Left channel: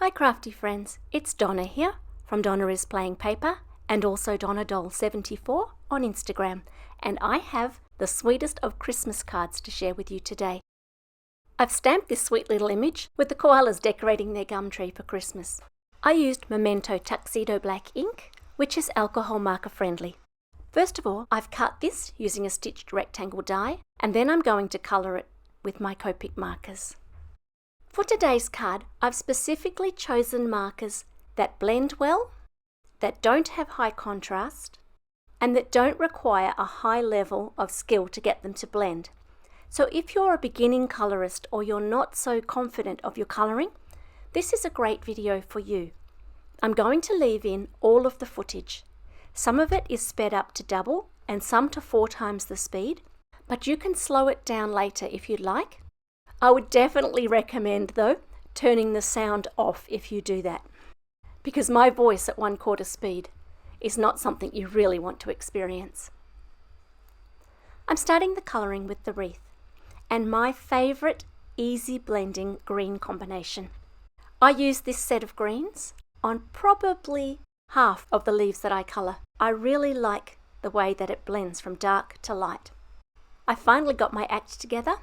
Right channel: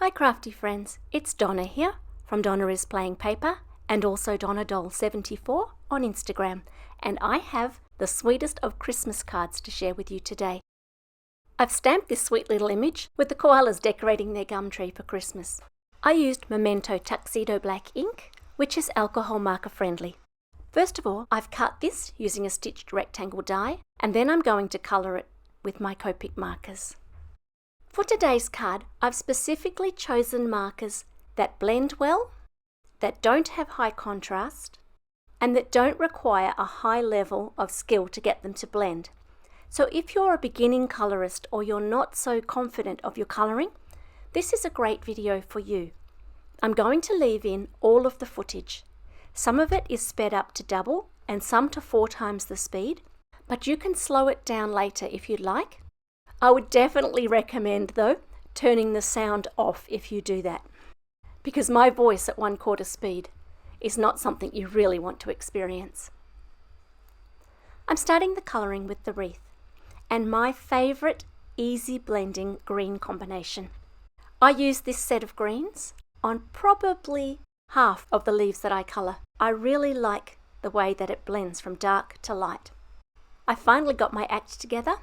Hi crafty friends, it's Donna here from Donna is Playing Paper and also Donna Doll 74 on Instagram, and I have the sweetest of Christmas cards to share with you today. I've stamped this sweet little image with the koalas decorating their gum tree for Christmas. I used Memento Tuxedo Black ink, which is alcohol marker friendly. First of all, I've cut this using a stitched rectangle die, and then I'm going to colour it with my Copic markers. For today's card, I've specifically chosen markers that blend well, that don't have high contrast, and that don't require a high level of skill to get them to blend. So if you're a beginning colorist or you're not so confident of your coloring, this is a great video for you. I'm going to leave in all of the footage. Some of it is sped up to double and some to 4 times the speed, but you can slow it down later if you'd like. I would definitely recommend, though, turning the sound off if you do that, because my voice at 1/4 speed is not something you really want to experience. I'm starting the colouring with the wreath and my favourite easy blending green combination. I use this set of greens on probably half of the leaves that I colour. I really like the way that it blends from dark to light. I finally got my act together,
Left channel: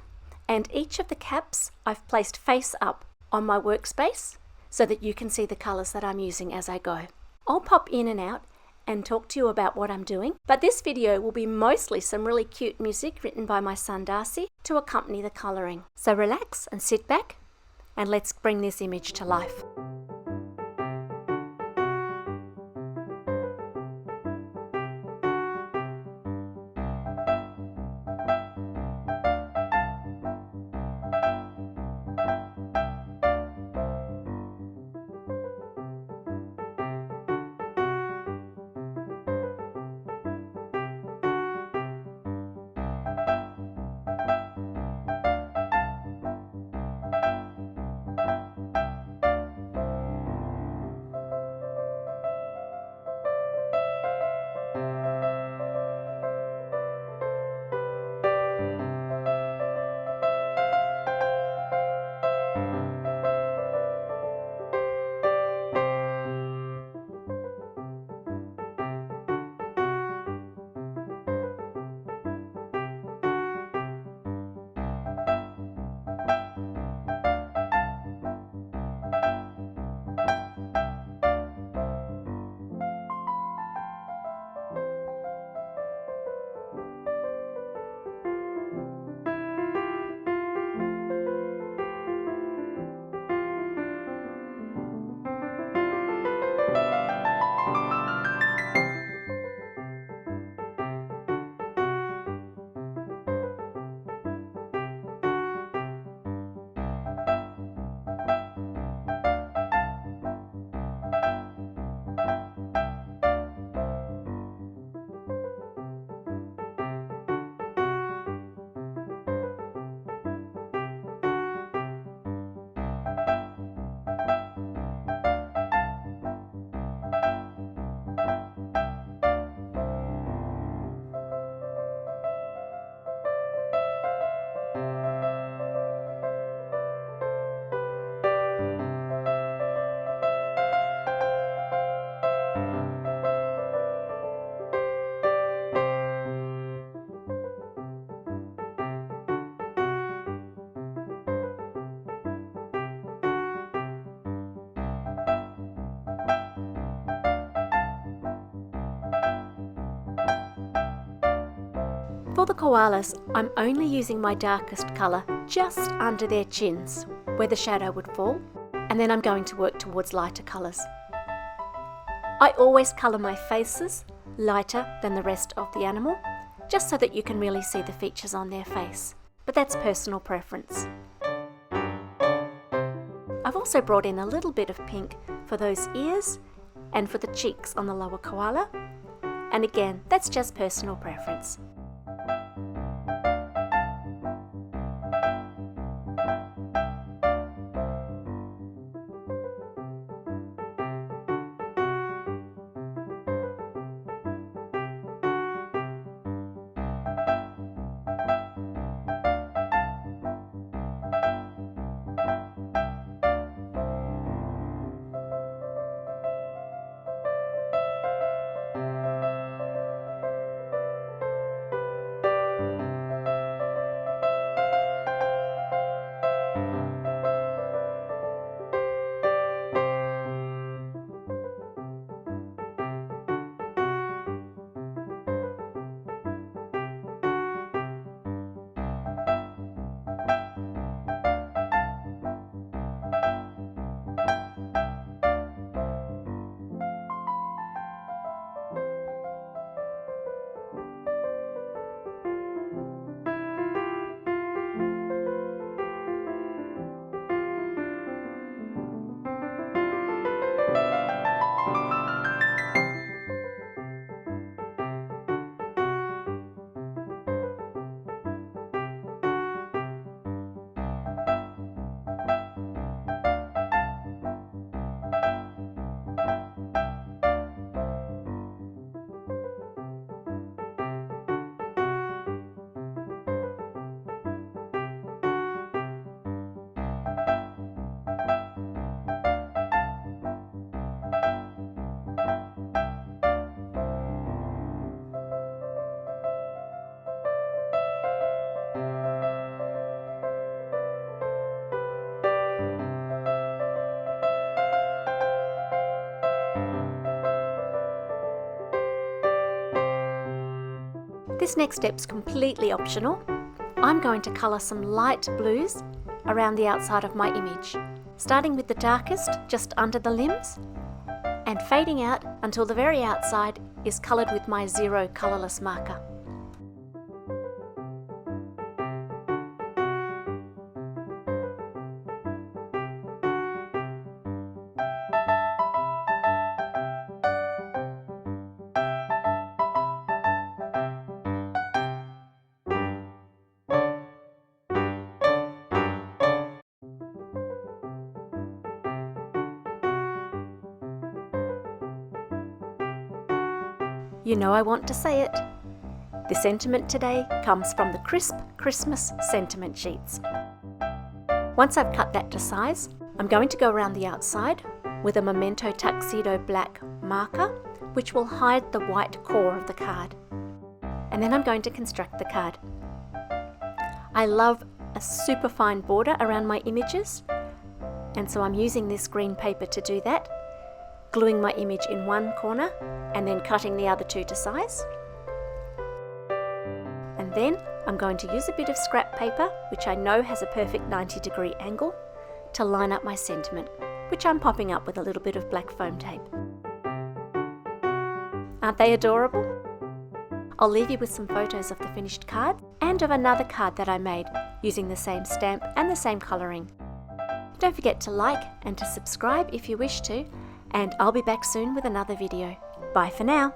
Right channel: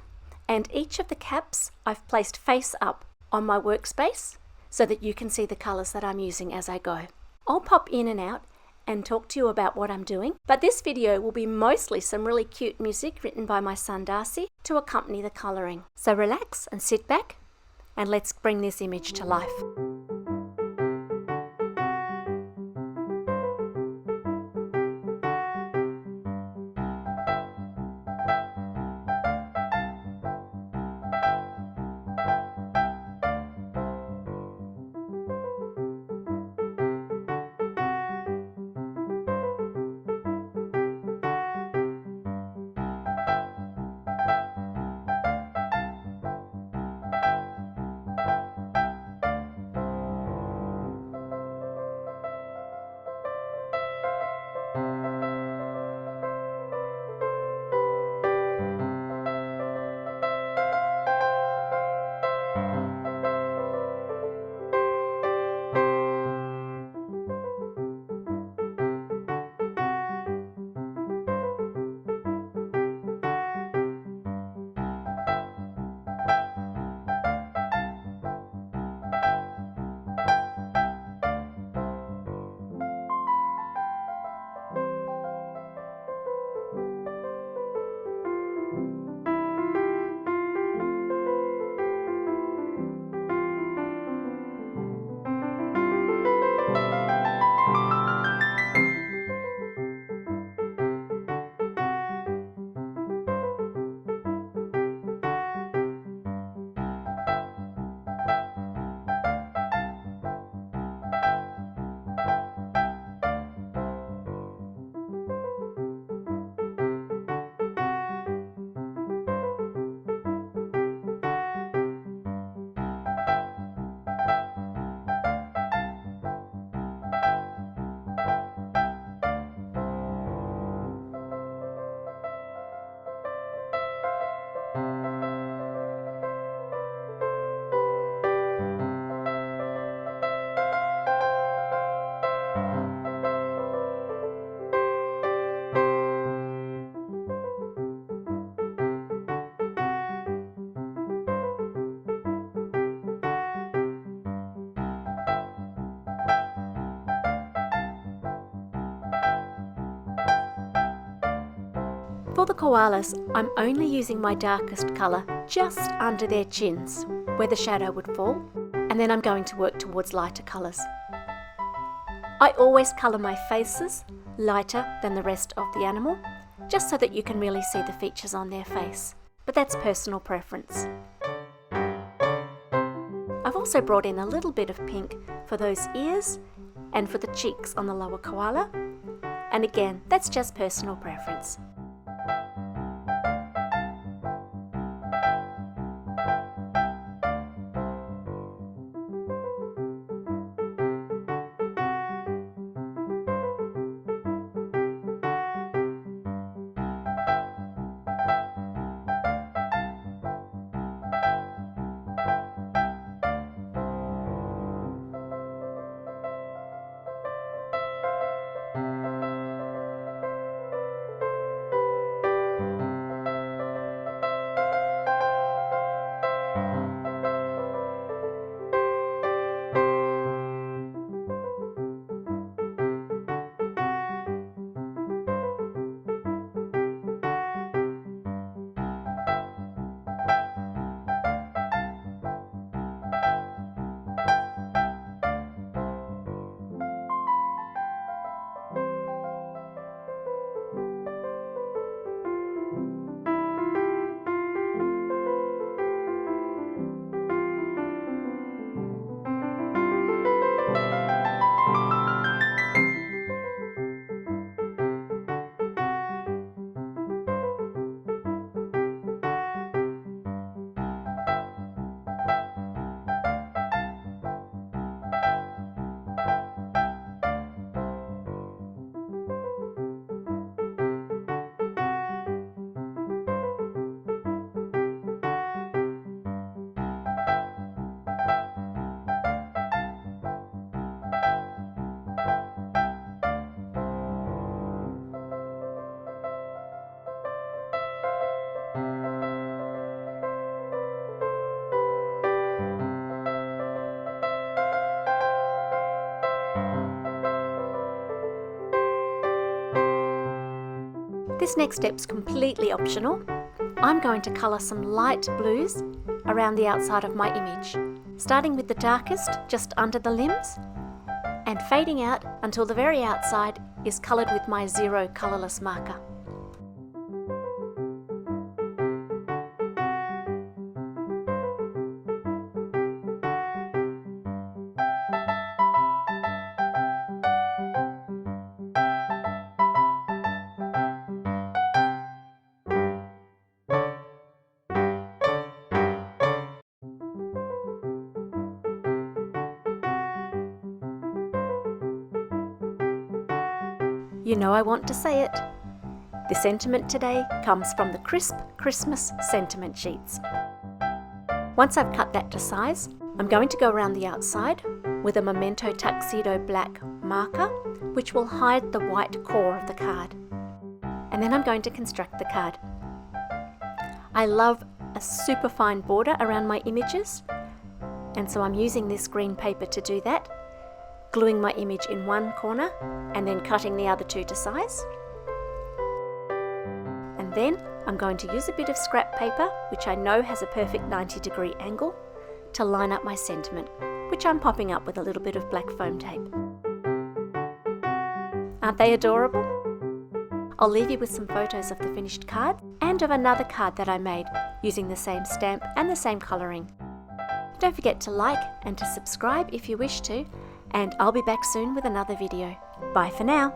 and each of the caps I've placed face up on my workspace so that you can see the colours that I'm using as I go. I'll pop in and out and talk to you about what I'm doing, but this video will be mostly some really cute music written by my son Darcy to accompany the colouring. So relax and sit back and let's bring this image to life. For the koalas, I'm only using my darkest colour just under their chins, where the shadow would fall, and then I'm going to work towards lighter colours. I always colour my faces lighter than the rest of the animal, just so that you can really see the features on their face, but that's personal preference. I've also brought in a little bit of pink for those ears and for the cheeks on the lower koala, and again, that's just personal preference. This next step's completely optional. I'm going to colour some light blues around the outside of my image, starting with the darkest just under the limbs and fading out until the very outside is coloured with my 0 colourless marker. You know I want to say it. The sentiment today comes from the crisp Christmas sentiment sheets. Once I've cut that to size, I'm going to go around the outside with a Memento Tuxedo Black marker, which will hide the white core of the card. And then I'm going to construct the card. I love a super fine border around my images, and so I'm using this green paper to do that, gluing my image in one corner and then cutting the other two to size. And then I'm going to use a bit of scrap paper, which I know has a perfect 90-degree angle, to line up my sentiment, which I'm popping up with a little bit of black foam tape. Aren't they adorable? I'll leave you with some photos of the finished card and of another card that I made using the same stamp and the same colouring. Don't forget to like and to subscribe if you wish to, and I'll be back soon with another video. Bye for now.